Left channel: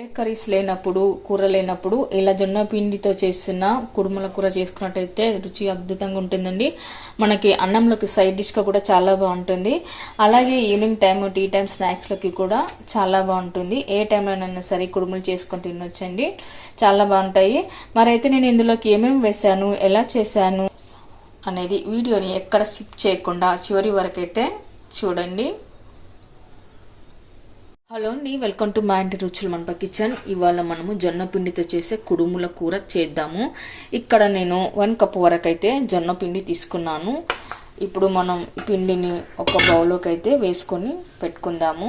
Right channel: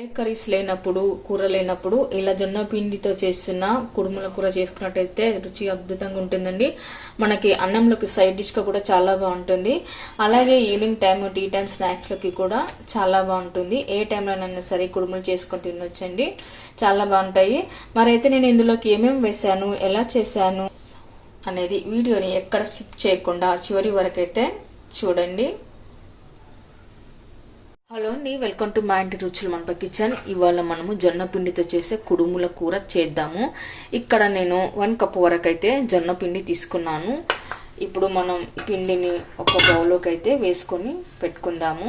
ఏ curries లేనప్పుడు కూర లేనప్పుడు ఇలా జొన్న పిండితో చేసిన కుడుముల కూర చేసుకున్నట్టయితే రుచి అద్భుతంగా ఉంటుందండి. మనకి అన్నంలోకి సైడ్ డిష్గా కూడా చాలా బాగుంటుంది. అలాగే ఈవినింగ్ టైం టీ టైం స్నాక్స్లోకి కూడా చాలా బాగుంటుంది. ఏ టైంలోనైనా సరే కుడుములు చేసుకొని తినొచ్చండి, చాలా బాగుంటాయి. మరైతే నేను ఇందులోకి ఏమేమి వేసాను, ఎలా చేశాను అనేది వీడియోని ఎక్కడ స్కిప్ చేయకుండా చివరి వరకు అయితే చూడండి. హలో అండి, వెల్కమ్ టు మా ఇంటి రుచులు మన కిచెన్. ఇవాళ మనము జొన్న పిండితో చేసే కుడుముల కూర చేద్దాము. ఇక్కడ నేను 1 కప్పు వరకు అయితే జొన్న పిండి తీసుకున్నాను. ఇప్పుడు మనం పిండిని ఒక బౌల్లోకి అయితే వేసుకొని పెట్టుకుందాము.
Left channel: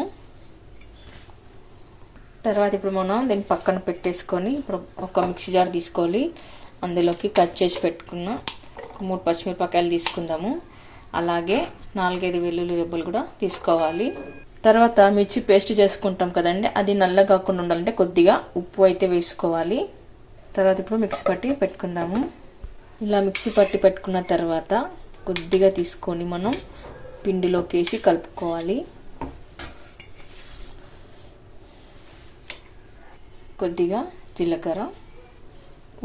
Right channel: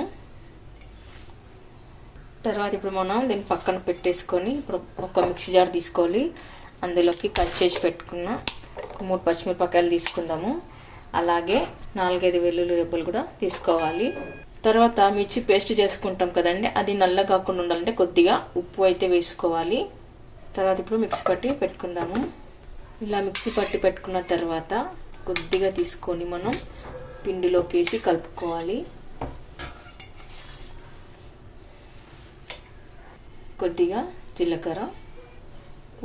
తర్వాత ఇప్పుడు మనం దీన్ని పక్కన పెట్టేసుకొని ఇప్పుడు ఒక మిక్సీ జార్ తీసుకోవాలి. అందులోకి కట్ చేసి పెట్టుకున్న 3 పచ్చిమిరపకాయలు తీసుకుందాము. అలాగే 4-5 వెల్లుల్లి రెబ్బలు కూడా తీసుకోవాలి. తర్వాత మిర్చి పేస్ట్ చేసుకుంటాం కదండి, అది నల్ల కాకుండా ఉండాలంటే కొద్దిగా ఉప్పు అయితే వేసుకోవాలి. తర్వాత ఇప్పుడు మిక్సీ పట్టి పెట్టుకుందాము. ఇలా మిక్సీ పట్టి పెట్టుకున్న తర్వాత కొద్దిగా తీసుకొని మనం పిండిలోకి వేసి కలుపుకోవాలి. కొద్దిగా జీలకర్ర,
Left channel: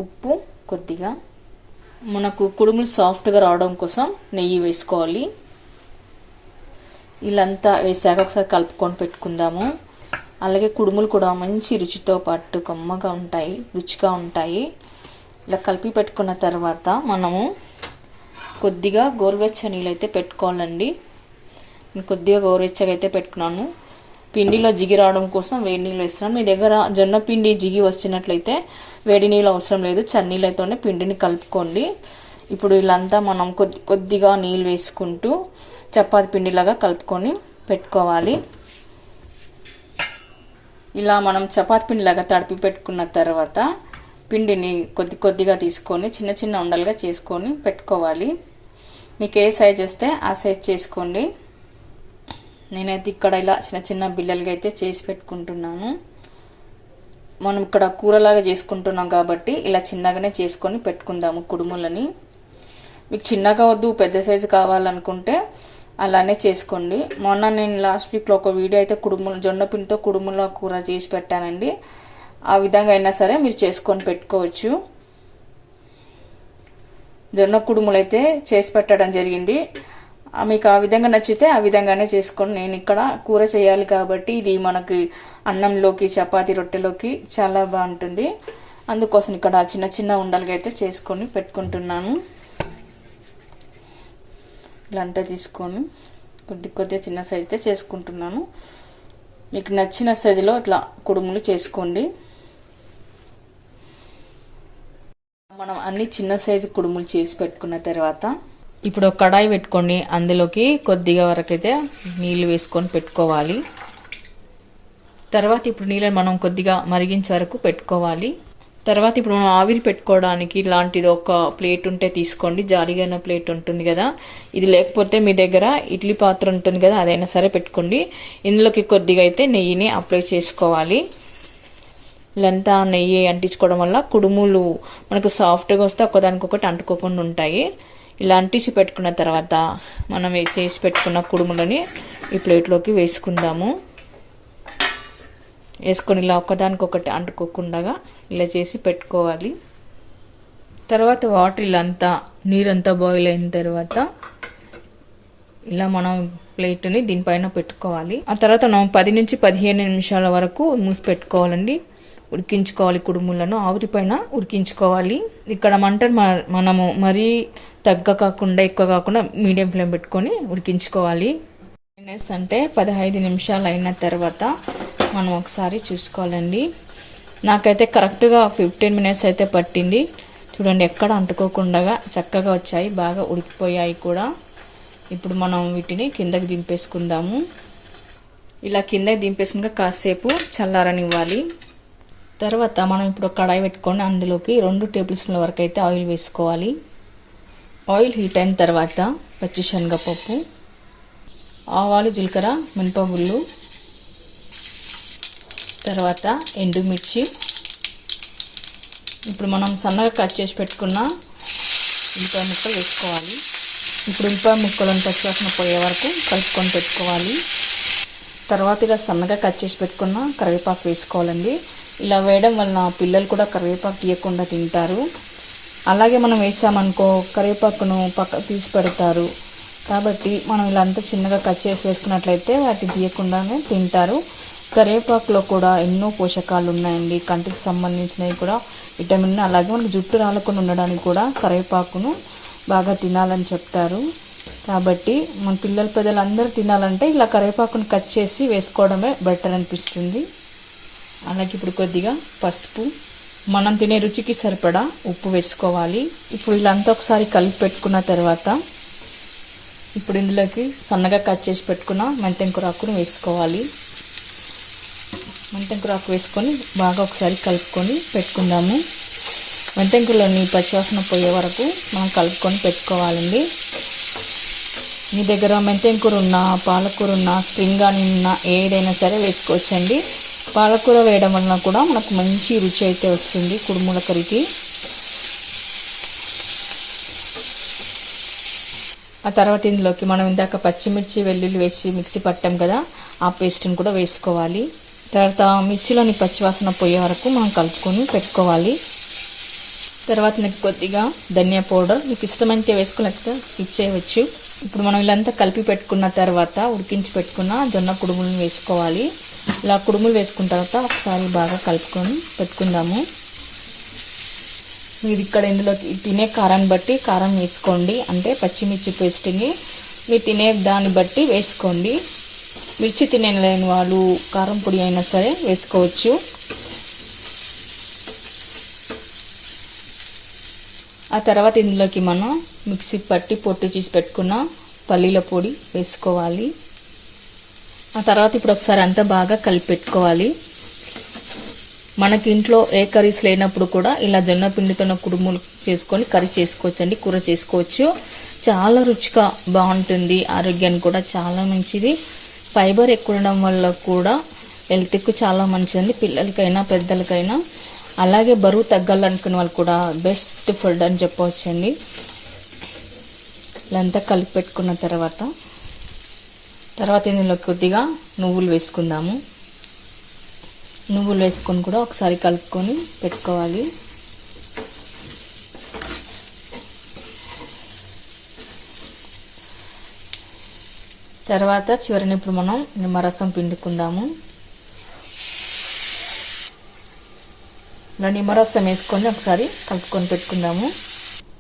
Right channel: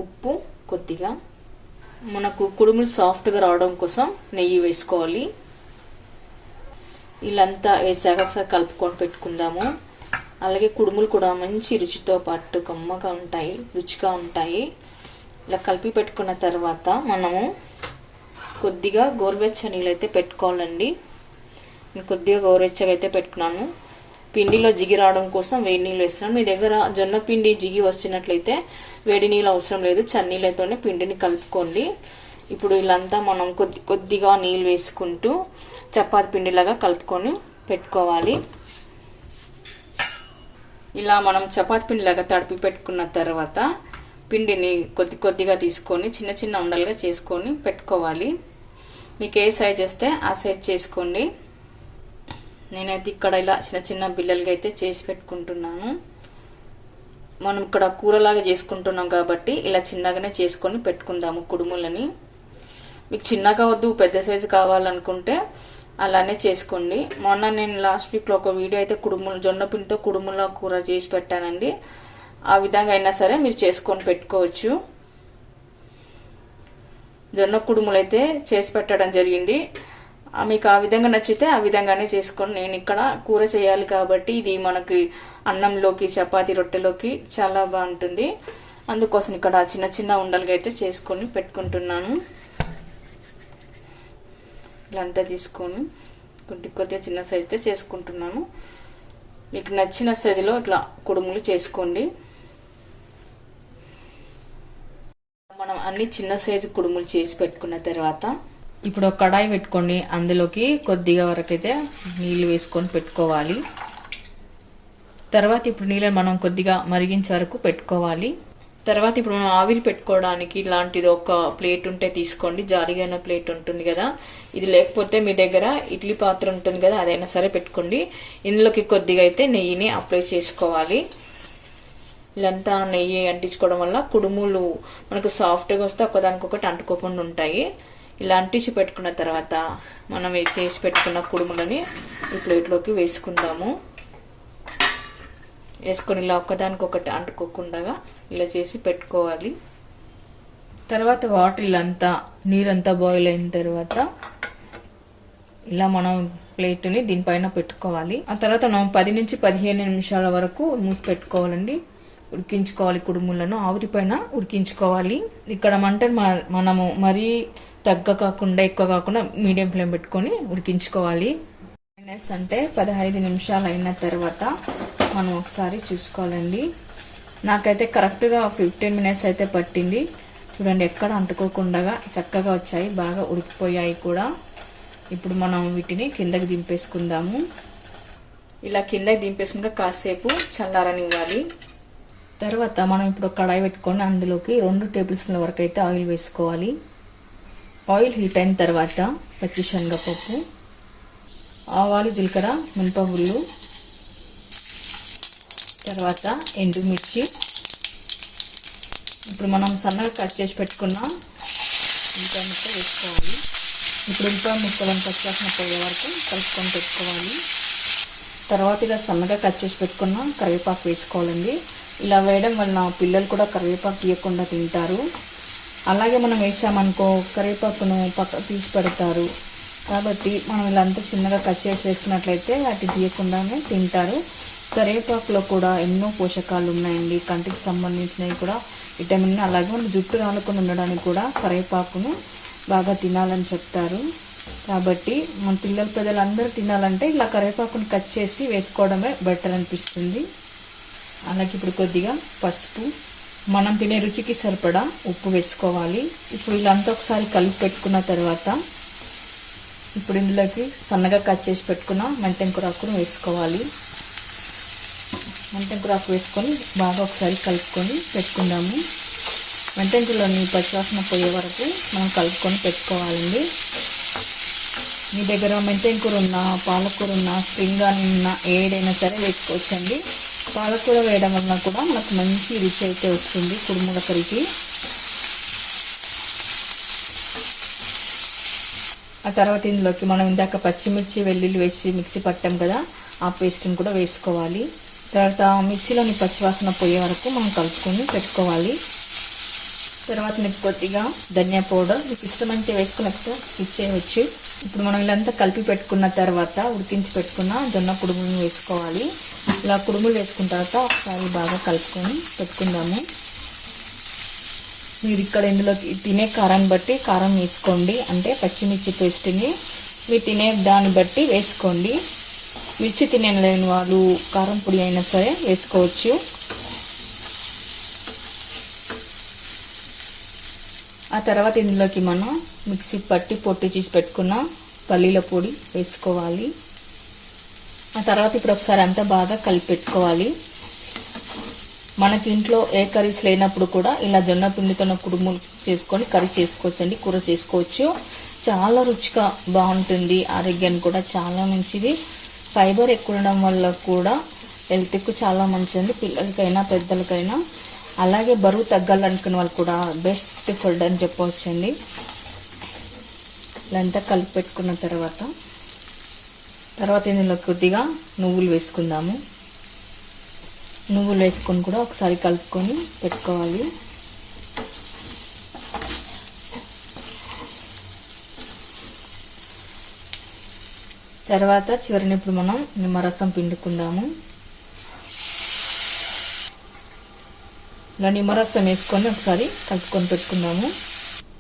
ఉప్పు కొద్దిగా, మనకు కుడుములు సాఫ్ట్గా రావడం కోసం నెయ్యి వేసుకోవాలి. ఇలాంతా వేసాక ఒకసారి కలుపుకొని పెట్టుకుందాము. అలాగే కుడుములు కూడా మంచి రుచితో పాటు కమ్మగా ఉంటాయి, రుచిగా ఉంటాయి. ఇలా కలిపి పెట్టుకున్న తర్వాత మనము కొద్దిగా గోరువెచ్చని నీళ్ళు అయితే పెట్టుకోవాలండి. నేను కొద్దిగా గోరువెచ్చగా అయితే పెట్టుకున్నాను. పిండిలో జిగి రావడం కోసం వేడి నీళ్ళు వేస్తున్నాను. మీ దగ్గర జొన్న పిండి జిగి వచ్చినట్లయితే వేడి నీళ్ళు అవసరం లేదు, చన్నీళ్ళతోనే పిండిని కలుపుకోండి. ఇప్పుడు ఇలాంతా మనం కొద్దిగా నీళ్ళు వేసుకుంటూ చపాతి పిండిలాగా కలుపుకొని పెట్టుకోవాలి. ఇలా మనం చపాతి పిండిలాగా తడిపి పెట్టుకున్న తర్వాత పిండిని కొద్దిగా తీసుకొని చిన్న చిన్న ఉండలుగా చేసుకొని పెట్టుకోవాలి. మీకు ఏ సైజ్ వస్తే ఆ సైజ్ చేసుకోండి. నేనైతే ఇక్కడ ఇలా చిన్న చిన్న బిల్లలుగా అయితే చేసి పెట్టుకుంటున్నాను. మనం ఇక్కడ కూరలాగా చేసుకుంటున్నాం కాబట్టి ఇలా చిన్నగానే చేసుకొని పెట్టుకుందాము కుడుములని. మీకు చిన్నగా వద్దు, పెద్ద సైజు కావాలనుకుంటే అలానే చేసుకోండి. మొన్న నేను లాస్ట్ వీక్లో ఒక వీడియో అయితే జొన్న పిండితో కుడుముల కూర చేసి పెట్టానండి. ఆ విధంగా అయినా సరే మీరు చేసుకొని పెట్టుకోవచ్చు. జొన్న కుడుములు అయితే చేసి పెట్టడం జరిగింది. మీకు ఆ విధంగా నచ్చితే ఆ విధంగానే చేసుకోండి. నేను ఇక్కడ కూర చేయాలి కాబట్టి ఇది మనకి అన్నంలోకి, చపాతీ, రొట్టెలోకి చాలా బాగుంటుంది. అందుకోసం ఇక్కడ చిన్న చిన్న ఉండలుగా అయితే చేసుకొని పెట్టుకుంటున్నాను. ఇలాంతా తీసుకొని కొద్దిగా చిన్న సైజు అయితే చేసుకుంటున్నాను. మీకు నచ్చిన సైజులో ఇట్లా కుడుములు చేసుకోండి. మనం అన్ని చిన్న సైజు కుడుములు చేసి పెట్టుకున్న తర్వాత ఇప్పుడు ఒక కడాయి పెట్టుకొని అందులోకి కొద్దిగా వరకు అయితే నీళ్లు వేసుకొని పెట్టుకోవాలి. తర్వాత ఇప్పుడు నీళ్ళని మనం కొద్దిగా మరిగించే వరకు పెట్టుకోవాలి. తర్వాత ఇప్పుడు మనం ఆవిరి పెట్టుకోవడానికి ఇలాంటిది ఒక ప్లేట్ ఉంటే తీసుకోండి. జాలిగా ప్లేట్ ఉంటుంది కదా, ఇది లేకపోతే మీ దగ్గర ఇడ్లీ పాత్ర ఉంటుంది కదా, అదైనా సరే పెట్టుకోండి. ఇందులోకి కొద్దిగా అయితే నెయ్యిని అప్లై చేసుకోవాలి. ఇలాంతా నెయ్యి అంటించుకోవడం వల్ల కుడుములు మనకు సాఫ్ట్గా వస్తే ఒకదానికొకటి అంటుకోకుండా ఉంటాయి. ఇలా అంటించి పెట్టుకున్న తర్వాత మనం చేసి పెట్టుకున్న కుడుములని ఈ ప్లేట్లోకి వేసుకుందాము. వేసుకొని ఇలా ఒకదానికొకటి అంటుకోకుండా ఇలా చేసి పెట్టుకోవాలి. తర్వాత వాటర్ అంతా నీరంతా బాయిల్ అయిన తర్వాత ఇలా మనం ప్లేట్ని దీనిపైన పెట్టుకోవాలి. ఆ తర్వాత మనం 10 నుంచి 15 నిమిషాల వరకు మూసి పెట్టుకోవాలండి. ఉడికించుకోవాలి, కుడుములను ఆవిరి పైన ఉడికించుకోవాలి. ఇక్కడ మంటను మనము మరీ తగ్గ కాకుండా ఎక్కువ కాకుండా మీడియం ఫ్లేమ్ పెట్టుకొని ఉడికించుకోవాలి. అంటే 15 నిమిషాలు అయిన తర్వాత మనం ఒకసారి చూసుకోవాలండి. నాకైతే కరెక్ట్గా 15 మినిట్స్ అయితే పట్టింది. చూడండి, ఎక్కడ అంటుకోకుండా చక్కగా వచ్చాయి, బాగా ఉడికిపోయాయి కూడా. ఇప్పుడు మనం వీటిని కిందకి దింపేసుకుందాము. ఇలా కిందకి దింపేసుకుంటే కాసేపు చల్లారనివ్వాలి. తర్వాత మనం ఇప్పుడు కడాయి పెట్టుకొని అందులోకి 2 టేబుల్ స్పూన్ల వరకు అయితే ఆయిల్ వేసుకోవాలి. ఆయిల్ హీట్ అయిన తర్వాత పచ్చిశనగపప్పు, ఆవాలు, జీలకర్ర, మినపగుళ్ళు, తర్వాత ఎండుమిర్చి, ఇప్పుడు మనం సన్నగా కట్ చేసి పెట్టుకున్న ఉల్లిపాయ ముక్కలు వేసుకోవాలి. ఇప్పుడు ఉల్లిపాయ ముక్కలను పచ్చివాసన పోయే వరకు కలుపుకొని పెట్టుకోవాలి. తర్వాత ఇలా సన్నగా కట్ చేసి పెట్టుకున్న కరివేపాకు వేసుకోవాలండి. ఇలా వేయడం వలన పిల్లలు కూడా కరివేపాకు తీయకుండా తింటారు. అలాగే మనం వేసామనుకో కరివేపాకును పక్క తీసి పెడతారు. కాబట్టి మనం ఇలా అంతా చిన్నగా కట్ చేసి వేసుకున్నట్లయితే వాటిని తీయకుండానే తింటారు. కరివేపాకులో కూడా ఎన్నో పోషకాలు ఉన్నాయండి. కంటికి సంబంధించినవి కూడా విటమిన్, అలాగే మనకు జుట్టు రాలకుండా ఉండడానికి కూడా కరివేపాకును బాగా తినాలని చెప్తారు. కాబట్టి మన పిల్లలు పెద్దలు అందరూ తినాలంటే ఇలా కరివేపాకును కట్ చేసి వేసుకోవడమే బెటర్ అనిపిస్తుంది. అలాగే ఇప్పుడు కొద్దిగా పసుపు, మనం తినే రుచికి సరిపడా ఉప్పు వేసుకోవాలి. ఇప్పుడు ఇలా అంతా ఒకసారి కలిపి పెట్టుకున్న తర్వాత ఇప్పుడు ఇందులోకి సన్నగా కట్ చేసి పెట్టుకున్న మెంతం కూరాకును వేసుకోవాలి. మెంతం కూరాకు వేసుకొని బాగా ఒకసారి కలుపుకొని పెట్టుకుందాము. మెంతం కూరలోని పచ్చివాసన పోయే వరకు మనం కలుపుకొని పెట్టుకోవాలండి. మీ దగ్గర మెంతం కూర ఉన్నా, పాలకూర ఉన్నా, స్ప్రింగ్ ఆనియన్ ఉన్నా ఏదైనా సరే వేసుకోవచ్చండి. పాలకూర వేయడం వలన కూడా మనకు మంచి రుచి అయితే వస్తుంది కుడుముల కర్రీకి. ఆ తర్వాత ఇందులోకి మనం ఇందాక పచ్చిమిర్చి, వెల్లుల్లి వేసి మిక్సీ పట్టాం కదా, ఆ పేస్ట్ని కూడా వేసుకోవాలి. తర్వాత మిర్చిలోని పచ్చివాసన పోయే వరకు మనం కలుపుకొని పెట్టుకోవాలి. తర్వాత మీకు కొద్దిగా ధనియా పౌడర్, మీకు ఇష్టమైతే వేసుకున్నట్టు స్కిప్ చేయవచ్చు. ఇప్పుడు మనం ఇలాంతా కలిపి పెట్టుకున్న తర్వాత ఉడికించి పెట్టుకున్న జొన్న కుడుములను వేసుకోవాలి. ఇలా కుడుములు వేసుకున్న తర్వాత ఒకసారి బాగా కలుపుకొని పెట్టుకుందాము. మీరు ఇక్కడ ఇందులోకి తినే కారాన్ని బట్టి కారం వేసుకోండి. అంటే పచ్చిమిర్చి పేస్ట్ని మీరు తినే దాన్ని బట్టి వేసుకోండి. మిర్చి తినలేని వాళ్ళు కారం పొడి అయినా సరే వేసుకోవచ్చు. ఆ తర్వాత ఇందులోకి మనం మిక్సీ పట్టి పొట్టు చేసి పెట్టుకున్న పల్లీల పొడి వేసుకోవాలి. ఆ తర్వాత ఇప్పుడు ఒకసారి అంతా బాగా కలిపి పెట్టుకోవాలి. మనకి ఇంట్లో ఏ కర్రీస్ లేనప్పుడు కూడా ఇలా జొన్న పిండితో కుడుములు చేసుకొని కర్రీ చేసుకోవచ్చండి, కూర చేసుకోవచ్చు. చాలా రుచిగా బాగుంటుంది, ఆరోగ్యానికి కూడా చాలా మంచిది. ఫైబర్ ఎక్కువ ఉండడం వల్ల కూడా హెల్త్కు చాలా మంచిది, పిల్లలకైనా పెద్దలకైనా. అలాగే బరువు తగ్గాలనుకునే వాళ్ళు కూడా బెస్ట్ ఫుడ్ అని చెప్పవచ్చండి. ఇలా అంతా కలిపి పెట్టుకున్న తర్వాత ఇందులో కొద్దిగా నువ్వులు వేసుకుందాము. నువ్వులు వేసుకొని కూడా ఒకసారి కలుపుకొని పెట్టుకోవాలి. తర్వాత చివరిని ఇప్పుడు మనం నిమ్మరసం పిండుకుందాము. ఇలా నిమ్మరసం వేసుకొని ఒకసారి కలుపుకొని పెట్టుకుందాము.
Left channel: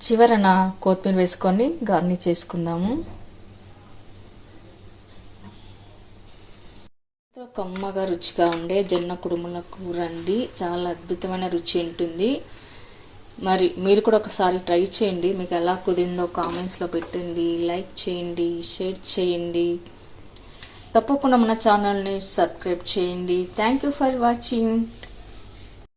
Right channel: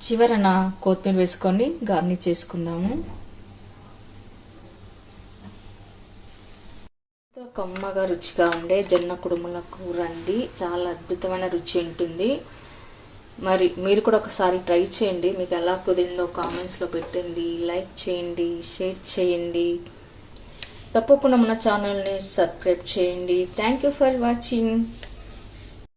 చివరన కొత్తిమీర వేసుకొని గార్నిష్ చేసుకుందాము. కమ్మగా రుచిగా ఉండే జొన్న కుడుముల కూర అండి. చాలా అద్భుతమైన రుచి ఉంటుంది. మరి మీరు కూడా ఒకసారి ట్రై చేయండి. మీకు ఎలా కుదిరిందో కామెంట్స్లో పెట్టండి, లైక్ చేయండి, షేర్ చేయండి. తప్పకుండా మన ఛానల్ని సబ్స్క్రైబ్ చేయండి. Thank you for watching.